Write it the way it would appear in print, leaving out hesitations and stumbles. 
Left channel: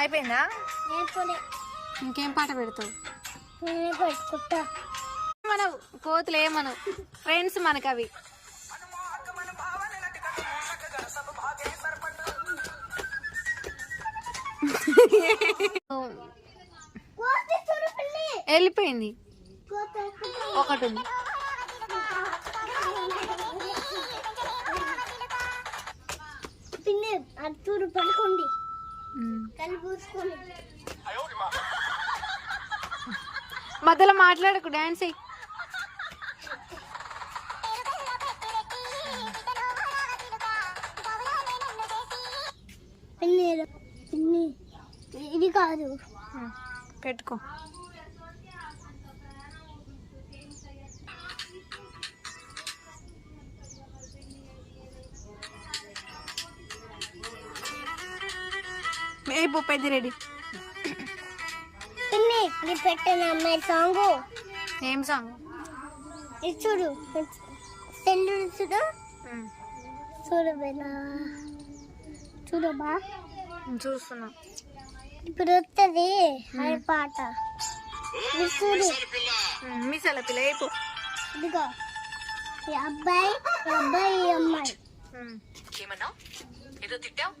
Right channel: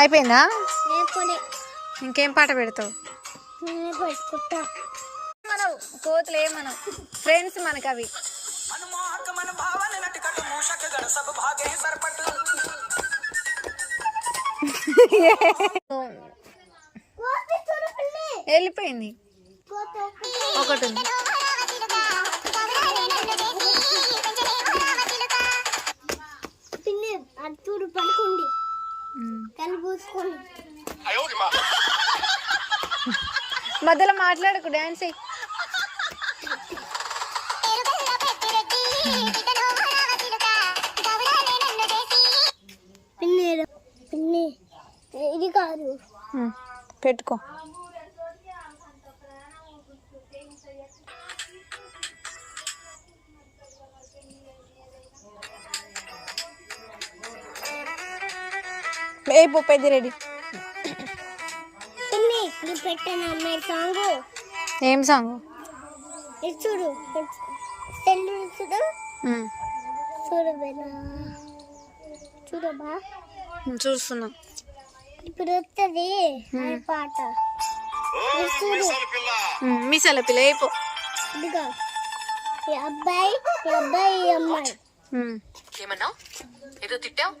అయిపోయిందా? ఇంకేం పాట పెడతావు? మనం కోతులు ఏమనవు, ఫ్రెండ్స్ మనకు అవి. వెళ్ళిపోయింది, ఒకటి ఉంది. పడుకోండి, మధ్యలో మాట్లాడకు, డాన్స్ అయ్యి. ఇది కాదు, పెట్టుకో. ఏ పెద్ద రెడీ. పెట్టిన అమ్మాయి సాంగ్. ఏం సాంగ్? చూడు, చూడు చూడు చూడబా, చూడబా, చూస్తున్నా. ఇప్పుడు వస్తుంది పాట. మీసాల పిల్ల అయిపో. ఇదిగో ఈ అబ్బాయి, ఈ అబ్బాయి, ఈ అమ్మాయి. ఏమన్నా ఏదో తిట్టావు?